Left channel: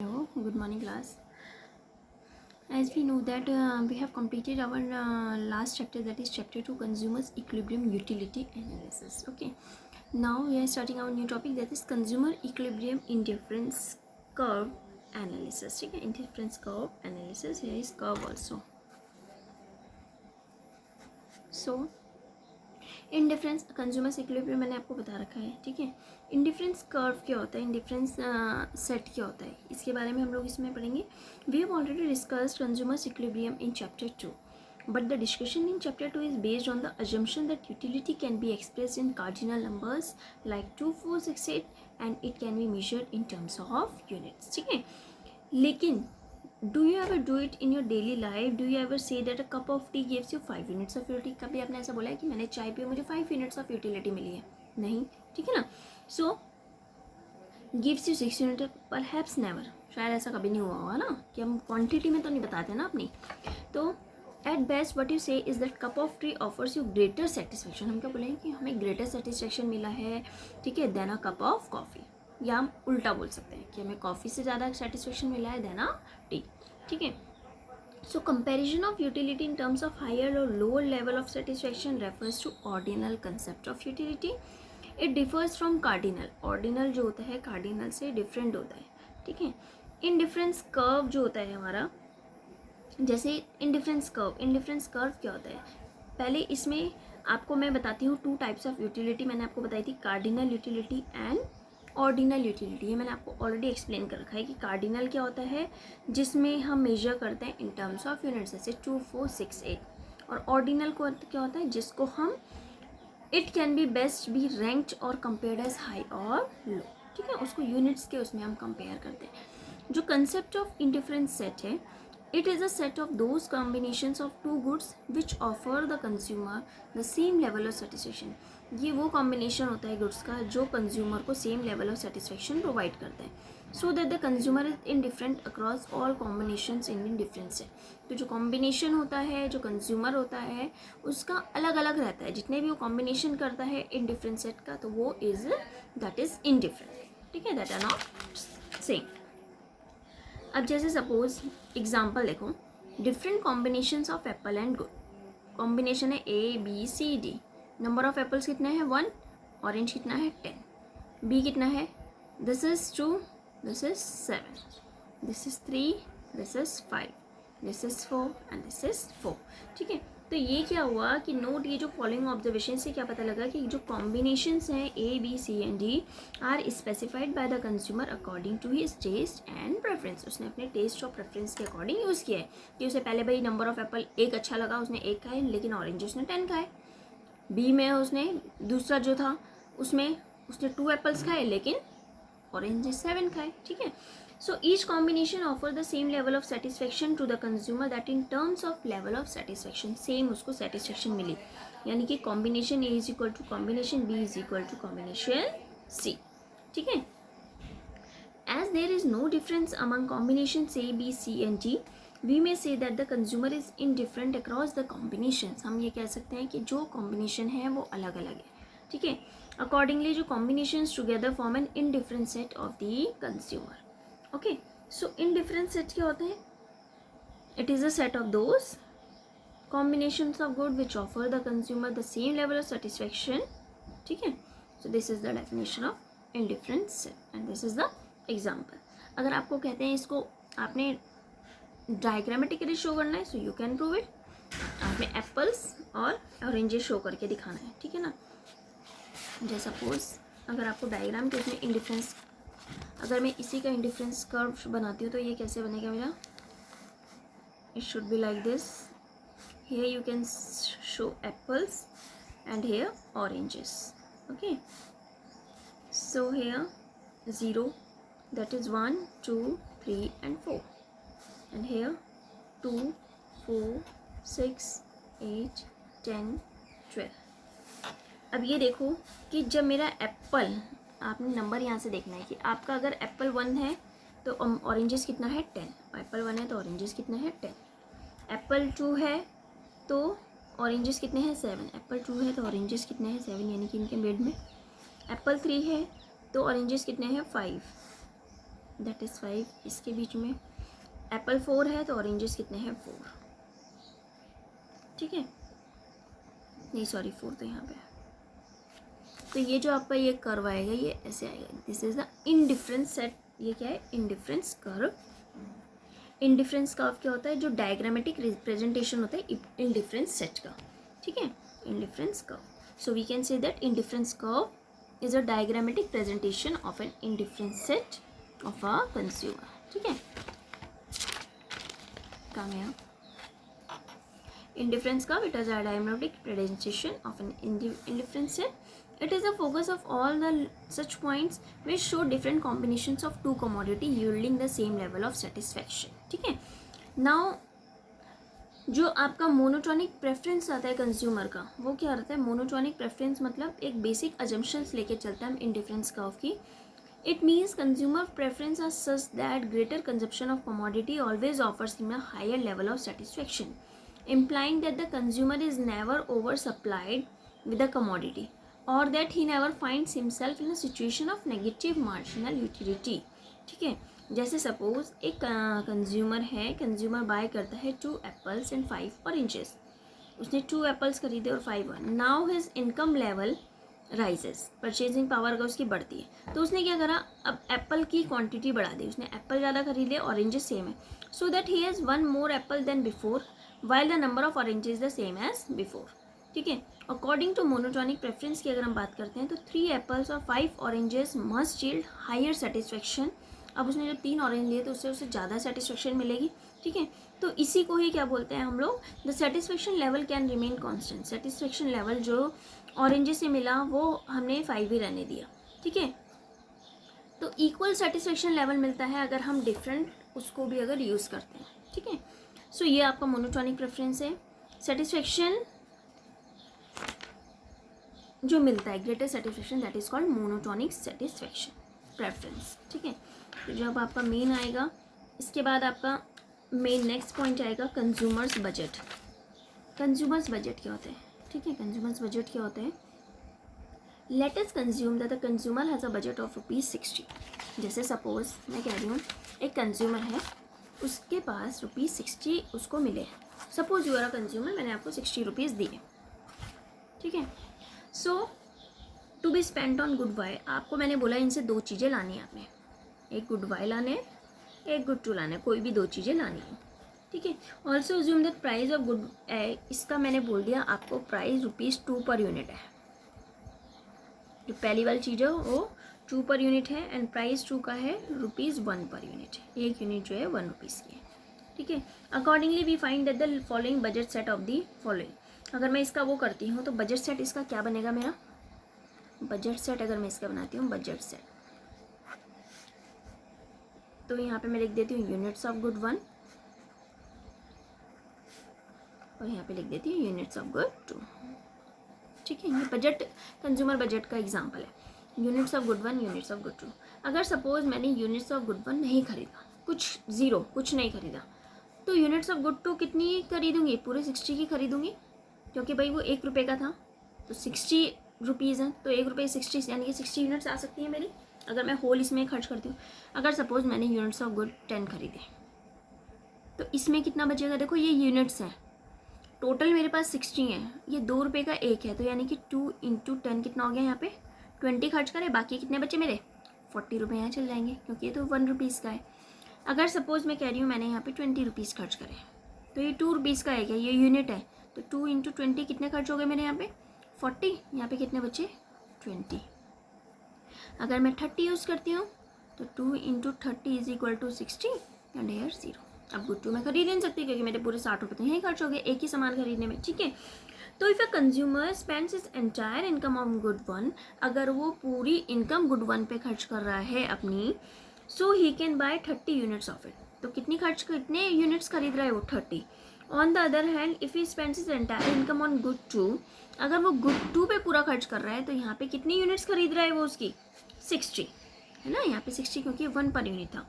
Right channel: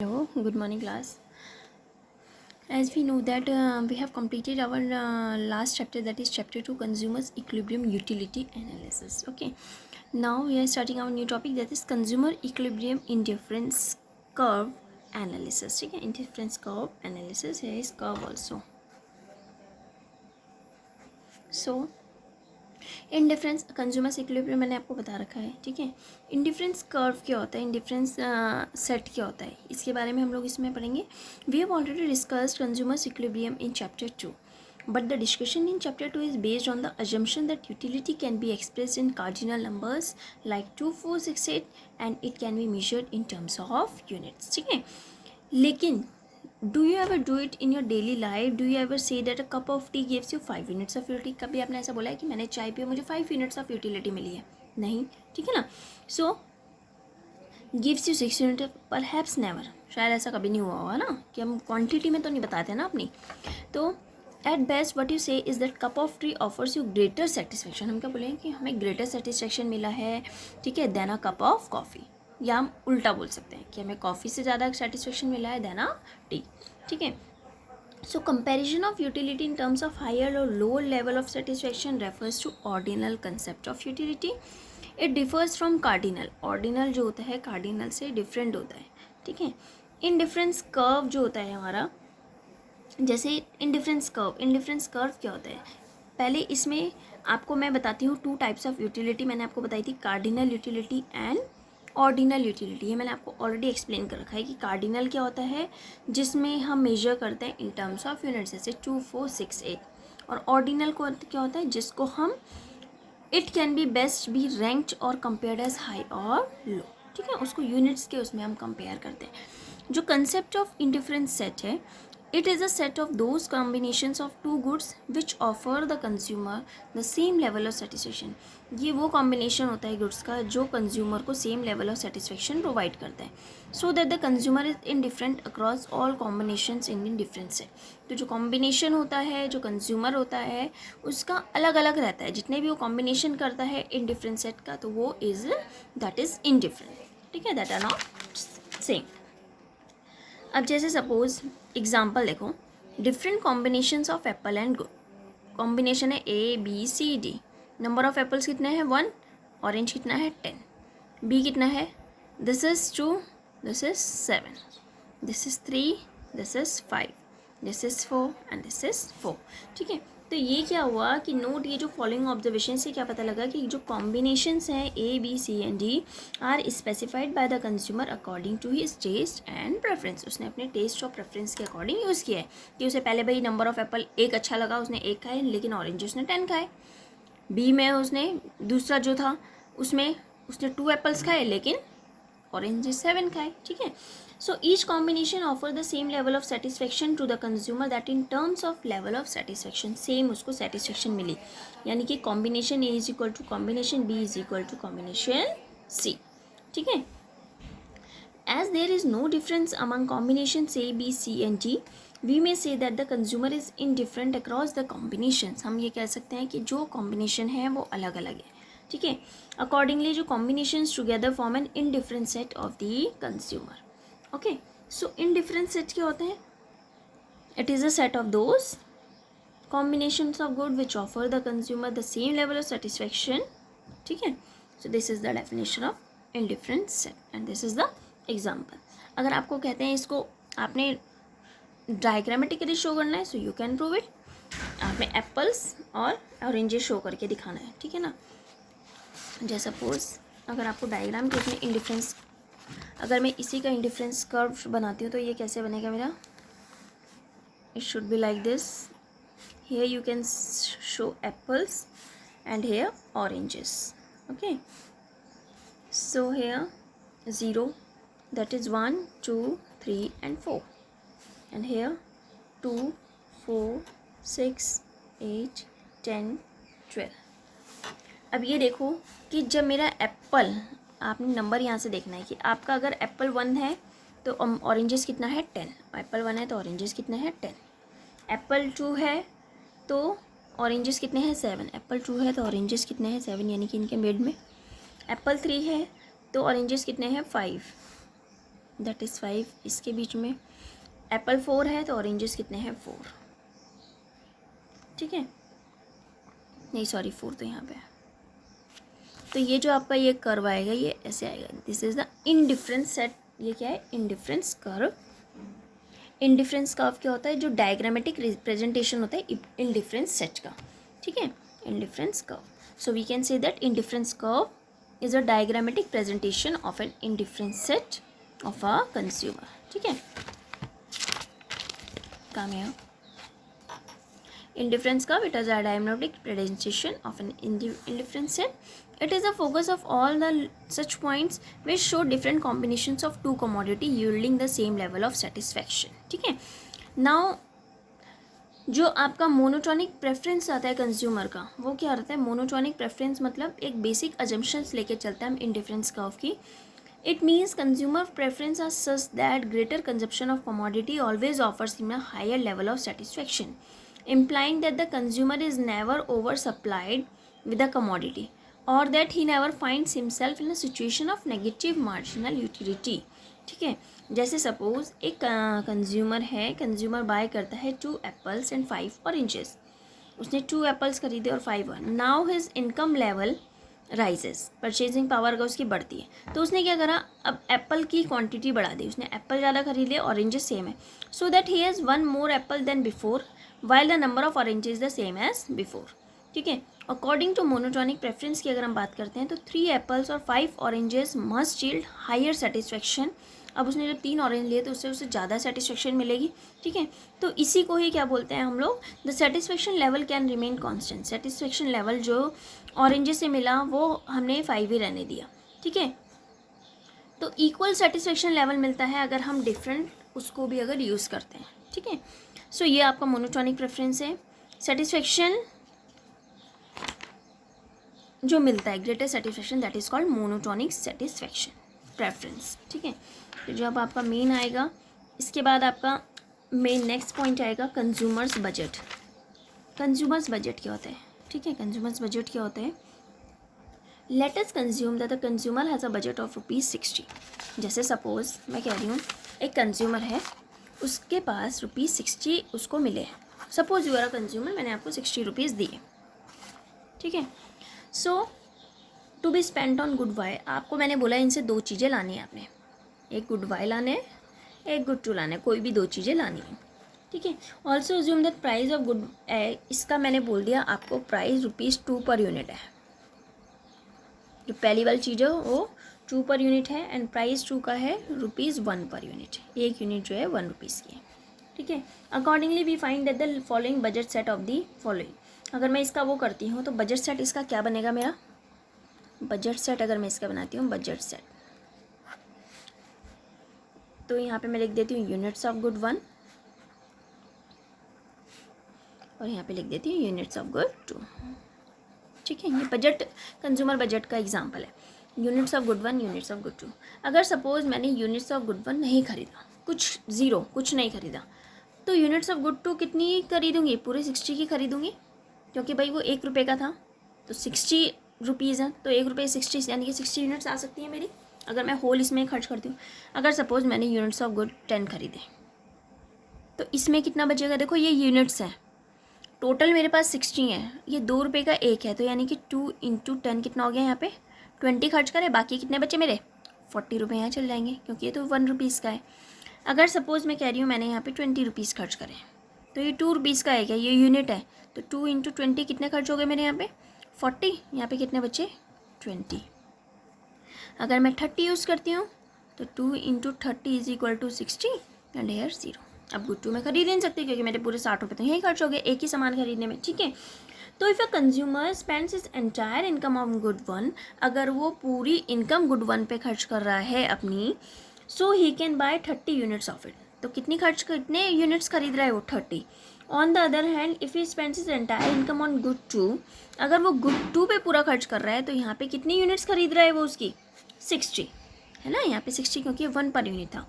Hello, good morning class. As we know that we have completed our last chapter, that is chapter 2, consumers equilibrium utility analysis. Okay, now we are starting our new topic, that is consumer equilibrium indifference curve analysis. ठीक है, indifference curve analysis. Here is curve also. So indifference consumers equilibrium मैंने आपको बता रखा है. ठीक है, indifference curve क्या होता है, इंडिफरेंस सेट क्या होता है, इसके बारे में हम लोग इसमें पढ़ेंगे. We have already discussed consumers equilibrium in chapter 2, but the discussion in chapter 2 is based on the assumption that utility can be expressed in cardinal numbers like 2, 4, 6, 8 and it can be measured in terms of units. ठीक है, लेकिन do you ever do it in your daily life? Do you ever say that a cup of tea gives you 5 units of utility? कभी आपने ऐसा बोला है कि मैंने चाय पी मुझे 5 units of utility मिली है? नहीं. ठीक है ना. So gives you 6 units, perhaps never. शायद ऐसा कभी नहीं हुआ होगा ना, कि हम क्वांटिटी में तो नहीं बताते ना अपनी. तो एट बेस्ट वट यू से is that cup of T offers you greater satisfaction. हम क्या बोलेंगे कि हमें ग्रेटर सेटिस्फेक्शन मिला है, ठीक है, then a cup of coffee. या हम उल्टा बोल सकते हैं कि हमें कॉफ़ी से ज़्यादा सेटिस्फेक्शन मिला है देन अ टी. ठीक है. So comparison of utility in terms of higher or lower level of satisfaction refers to ordinal concept of utility. It differs from cardinal. Ordinal जो होता है cardinal से different होता है. ठीक है. Indifference curve जो होता है हमारा, जैसे इंडिफरेंस कर्व क्या होता है, पहले इसमें आपको मैं बताती हूँ 2 टाइप्स ऑफ यूटिलिटी. मैंने आपको बताई थी cardinal utility and ordinal utility. ये मैंने आपको ऑलरेडी एक्सप्लेन कर रखा है कि कार्डिनल क्या होता है, जिसमें हम मेजर करते हैं इन टर्म्स ऑफ यूनिट्स, जैसे 2, 4, 6, 8. और ऑर्डिनल को क्या होता है, जिसको हम it can be best B ranked और कंपेयर्ड एज हाई और लो. ठीक है, उसको यूनिट्स के उसमें हम कंपेयर करते हैं. जो कंसेप्ट ऑफ इंडिफरेंस सेट है, it is a set of those combinations of two goods which offer the consumer the same level of satisfaction. ये वो कॉम्बिनेशन होता है गुड्स का जो कंज्यूमर को same level of satisfaction provide करता है, so that the consumer is indifferent across all combinations in different set. तो जो कॉम्बिनेशन होता है, जो कंज्यूमर होता है, उसका अलग अलग रहता है. जितने भी वो कॉम्बिनेशन करता है इन डिफरेंट सेट का, तो वो इज दैट इज इनडिफरेंट. ठीक है, दैट आर नॉट सेम. अब जैसे सपोज एग्जाम्पल देखो, different combinations of apple and गुड़. कॉम्बिनेशन है A B C D. Number of apples कितने हैं 1, ऑरेंज कितना है 10, बी कितना है, this is 2, this is 7, this is 3, this is 5, this is 4 and this is 4. ठीक है. तो ये क्या हुआ कि नोट, ये जो फॉलोइंग ऑब्जर्वेशन से क्या पता लगा कि जो कॉम्बिनेशंस हैं A B C and D are specified by the consumer according to his taste and preference. उसने अपने टेस्ट और प्रेफरेंस के अकॉर्डिंग यूज़ किया है कि उसे पहले भाई नंबर ऑफ एप्पल एक अच्छा लगा, उसने 1 खाए, लेकिन ऑरेंज उसने 10 खाए. बी में उसने दूसरा जो था उसमें उसने 2 एप्पल्स खाए, लेकिन ऑरेंज 7 खाए. ठीक है. So each combination offer the same level of satisfaction to the consumer, that in terms of level of satisfaction same उसको satisfaction मिली. यानी कि combination A is equal to combination B is equal to combination C. ठीक है. As there is no difference among combinations A, B, C and D, we may say that the consumer is indifferent across the combinations. हम ये कह सकते हैं कि जो combination है वो अलग अलग है. ठीक है. Accordingly जो combinations together form an indifferent set of the consumer. Okay. So indifferent set क्या होता है, it is a set of those combinations of good which offer the consumer the same level of satisfaction. ठीक है. So this is the definition of indifferent set and this is the example. अगर आपको कहते हैं इसको आपने diagrammatically show करना है, so you can prove it. आपने एप्पल्स और ऑरेंजेस शो करके दिखाना है. ठीक है ना. जैसे सपोज अगर आपको डायग्राम के उसमें इंडिफरेंस, अगर मैं इसी का इंडिफरेंस कर्व बनाती हूँ तो ये कैसे बनेगा मेरा, it should be like this. Here you can show apples and here oranges. Okay. So here 0, that is 1, 2, 3 and 4, and here 2, 4, 6, 8, 10, 12. अब ये देखो कि जब मेरा एप्पल, आपने नंबर यहाँ से देखना है कि आपका अगर एप्पल 1 है तो ऑरेंजेस कितना है 10. एप्पल 1 है तो ऑरेंजेस कितने हैं 10. एप्पल 2 है तो ऑरेंजेस कितने हैं 7. एप्पल 2 है तो ऑरेंजेस कितने हैं 7, यानी कि इनके मिड में. एप्पल 3 है तो ऑरेंजेस कितने हैं 5. दैट इज़ 5 इसके बीच में। एप्पल 4 है तो ऑरेंजेस कितने हैं 4, ठीक है, नहीं सॉरी 4 तो यहाँ पे है। तो ये जो आपका ये कर्व आएगा ये ऐसे आएगा, this is the indifference set. ये क्या है, इनडिफरेंस कर्व। इनडिफरेंस कर्व क्या होता है, जो डायग्रामेटिक रिप्रेजेंटेशन होता है इनडिफरेंस सेट का, ठीक है, indifference curve. So we can say that indifference curve is a diagrammatic presentation of an indifference set of a consumer, ठीक है। काम है indifference curve, it is a diagrammatic presentation of an indifference set. It is the focus of all the such points which show different combinations of two commodity yielding the same level of satisfaction, ठीक है। now जो आपका monotonic preference आता है consumer का, वो क्या रहता है, मोनोटोनिक प्रेफरेंस मतलब एक बेसिक अजम्पशंस लेके चलते हैं हम इंडिफरेंस कर्व की। It means consumer preference are such that greater consumption of commodity always offers him a higher level of satisfaction, implying that the consumer is never oversupplied with a commodity or that he never finds himself in a situation of negative marginal utility, ठीक है। जैसे suppose एक consumer है, consumer bye करता है 2 apples and 5 oranges, उसने 2 apples खरीदे और 5 one. Now his income level rises, purchasing power का उसकी बढ़ती है, तो उसने क्या करा, अब एप्पल की क्वांटिटी बढ़ा दी, उसने एप्पल ज़्यादा खरीदे, ऑरेंजेस सेम है, so that he has 1 more apple than before while the number of oranges is the same as before, ठीक है। अकॉर्डिंग टू मोनोटोनिक प्रेफरेंस की अगर हम बात करते हैं तो 3 एप्पल्स और 5 oranges must yield higher satisfaction. अब उसने जब 3 ऑरेंज लिए तो उससे ज़्यादा सेटिस्फेक्शन मिलेगी, ठीक है। तो इसी को ही क्या बोलते हैं हम लोग, the satisfaction level can remain constant. Satisfaction level जो ऑरेंजेस से मिला वो हमने 5 ही रहने दिया, ठीक है। तो इक्वल सेटिस्फेक्शन लेवल मिलता है अगर हम डिफरेंट उसको भी अगर यूज़ करते हैं, ठीक है। सो ये आपका मोनोटोनिक प्रेफरेंस है। सेटिस्फेक्शन जो मिलता है, greater satisfaction, that is called monotonic satisfaction preference, ठीक है। तो जब आपका मेन आएगा, इसके बाद आपका मेन नेक्स्ट पॉइंट आएगा कंज्यूमर्स बजट। कंज्यूमर्स बजट क्या होता है, ठीक है, कंज्यूमर्स बजट क्या होते हैं। Let us consume that the consumer has a budget of ₹60। जैसे सपोज मैं कह रही हूँ एक कंज्यूमर है, उसके पास ₹60 उसको मिले हैं। Suppose you are a consumer, मैंने आपको ₹60 दिए, ठीक है। So to be spent on good Y, आपको मैंने बोला इनसे 2 चीज़ें लानी है आपने, एक गुड वाई लाने हैं, एक गुड टू लाना है, कोई भी 2 चीज़ें लानी है, ठीक है। Also assume that price of good, इसका मैंने बोल दिया आपको प्राइस ₹2 पर यूनिट है। जो पहली वाली चीज़ है वो 2 पर यूनिट है एंड प्राइस 2 का है ₹1 पर यूनिट, एक यूनिट जो है ₹1 की है, ठीक है। Accordingly we find that the following budget set of the following. अगर मैं इसका वो करती हूँ तो बजट सेट इसका क्या बनेगा मेरा, बजट सेट अगर मैं इसका बनाती हूँ बजट सेट, तो यहाँ पे मैं लिख देती हूँ यूनिट्स ऑफ गुड 1 और यहाँ पे लिख देती हूँ यूनिट्स ऑफ गुड 2, ठीक है। ये बजट कंज्यूमर बजट का एग्जाम्पल है, units of good 1, units of good 2। अगर सपोज मैंने यूनिट्स ऑफ गुड 1 नहीं खरीदा, कुछ ज़ीरो कुछ नहीं खरीदा, तो यूनिट्स ऑफ गुड 2 कितनी खरीदूँगी, पूरे 60 की खरीदूँगी, क्योंकि भाई वो ₹1 का था तो ₹60 है, तो ₹1 यानी कि 60 यूनिट्स आ सकती हैं मेरी, अगर मैं होल इसमें खर्च करती हूँ। अगर सपोज मैंने यूनिट्स ऑफ गुड 10 खरीदे तो इसमें कितना बचेगा, देखो ये यूनिट्स हैं, टोटल मेरे पास 60 है, ये ₹2 का एक है, तो यानी कि 2 × 10 कितना हो गया, यहाँ पे 20 खर्च करें, बाकी कितने बचे मेरे ₹40 यहाँ चल जाएंगे, क्योंकि ये तो ₹1 का है। अगर सपोज़ मैं कह रही हूँ मैंने यहाँ पे ₹20 खर्च करें, तो ये ₹2 का है, ये यूनिट है, तो 2 × 20 कितने खर्च हो गए मेरे यहाँ पे 40, यहाँ पे कितने बचे 20। अगर मैं 30 यूज़ करती हूँ तो 2 × 30 = 60 एंड हेयर 0। अब गुड 2 में खरीद नहीं सकती क्योंकि मेरे पूरे ₹60 तो यही खर्च हो गए एक ही सामान खरीदने में, ठीक है। तो if a consumer spends his entire income on good 1, अगर वो पूरी इनकम गुड 1 पे खर्च कर रहा है अपनी, so he can buy 30 units of it. तो कितने यूनिट्स खरीद रहा है वो 30। On the other hand if he spends his entire income on good 2, अगर वो गुड 2 पे पूरा खर्च कर रहा है तो यहाँ पे कितनी यूनिट्स खरीद रहा है वो उसकी 60, है ना, यहाँ पे 60 क्योंकि 1 पर यूनिट था।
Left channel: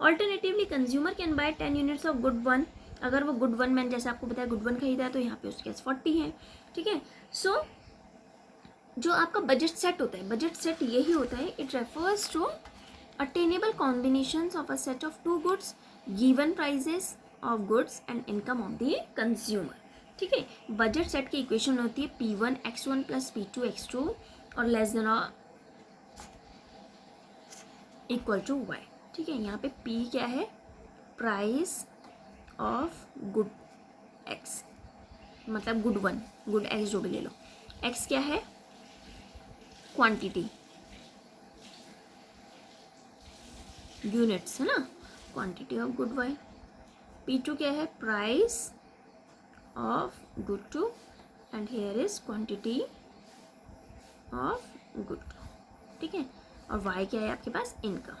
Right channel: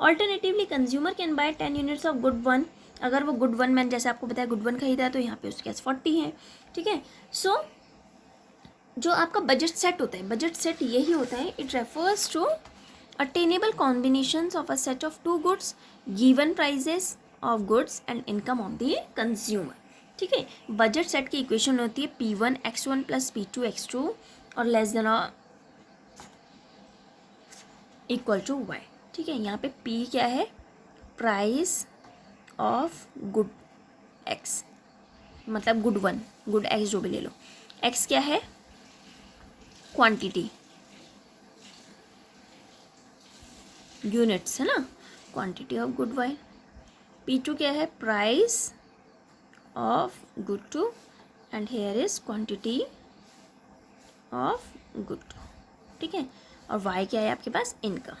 Alternatively consumer can buy 10 units of good 1, अगर वो गुड 1 मैंने जैसे आपको बताया गुड 1 खरीदा है तो यहाँ पे उसके पास 40 है, ठीक है। सो जो आपका बजट सेट होता है, बजट सेट यही होता है, it refers to attainable combinations of a set of two goods, given prices of goods and income of the consumer. ठीक है, बजट सेट की इक्वेशन होती है P1 X1 plus P2 X2 और लेस देन और इक्वल टू Y। ठीक है, यहाँ पे P क्या है, प्राइस ऑफ गुड X, मतलब गुड वन, गुड X जो भी ले लो। X क्या है, क्वांटिटी, यूनिट्स है ना, quantity of good wine. P2 क्या है, price of good two, and here is quantity of good two. ठीक है, और Y क्या है आपके पास, इनकम।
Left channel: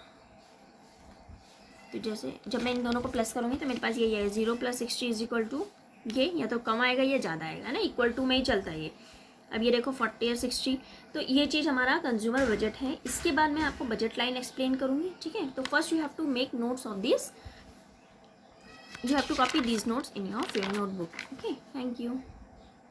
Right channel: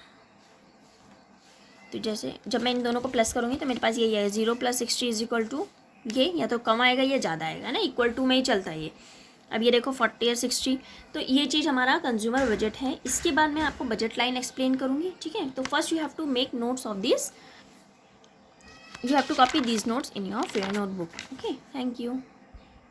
तो जैसे जब मैं इन दोनों को प्लस करूँगी तो मेरे पास यही है 0 + 60 इज इक्वल टू ये, या तो कम आएगा या ज़्यादा आएगा ना, इक्वल टू में ही चलता है ये। अब ये देखो 40 और 60, तो ये चीज़ हमारा कंज्यूमर बजट है। इसके बाद मैं आपको बजट लाइन एक्सप्लेन करूँगी। ठीक है, तो first you have to make notes of this, you have to copy these notes in your notebook. Okay, thank you.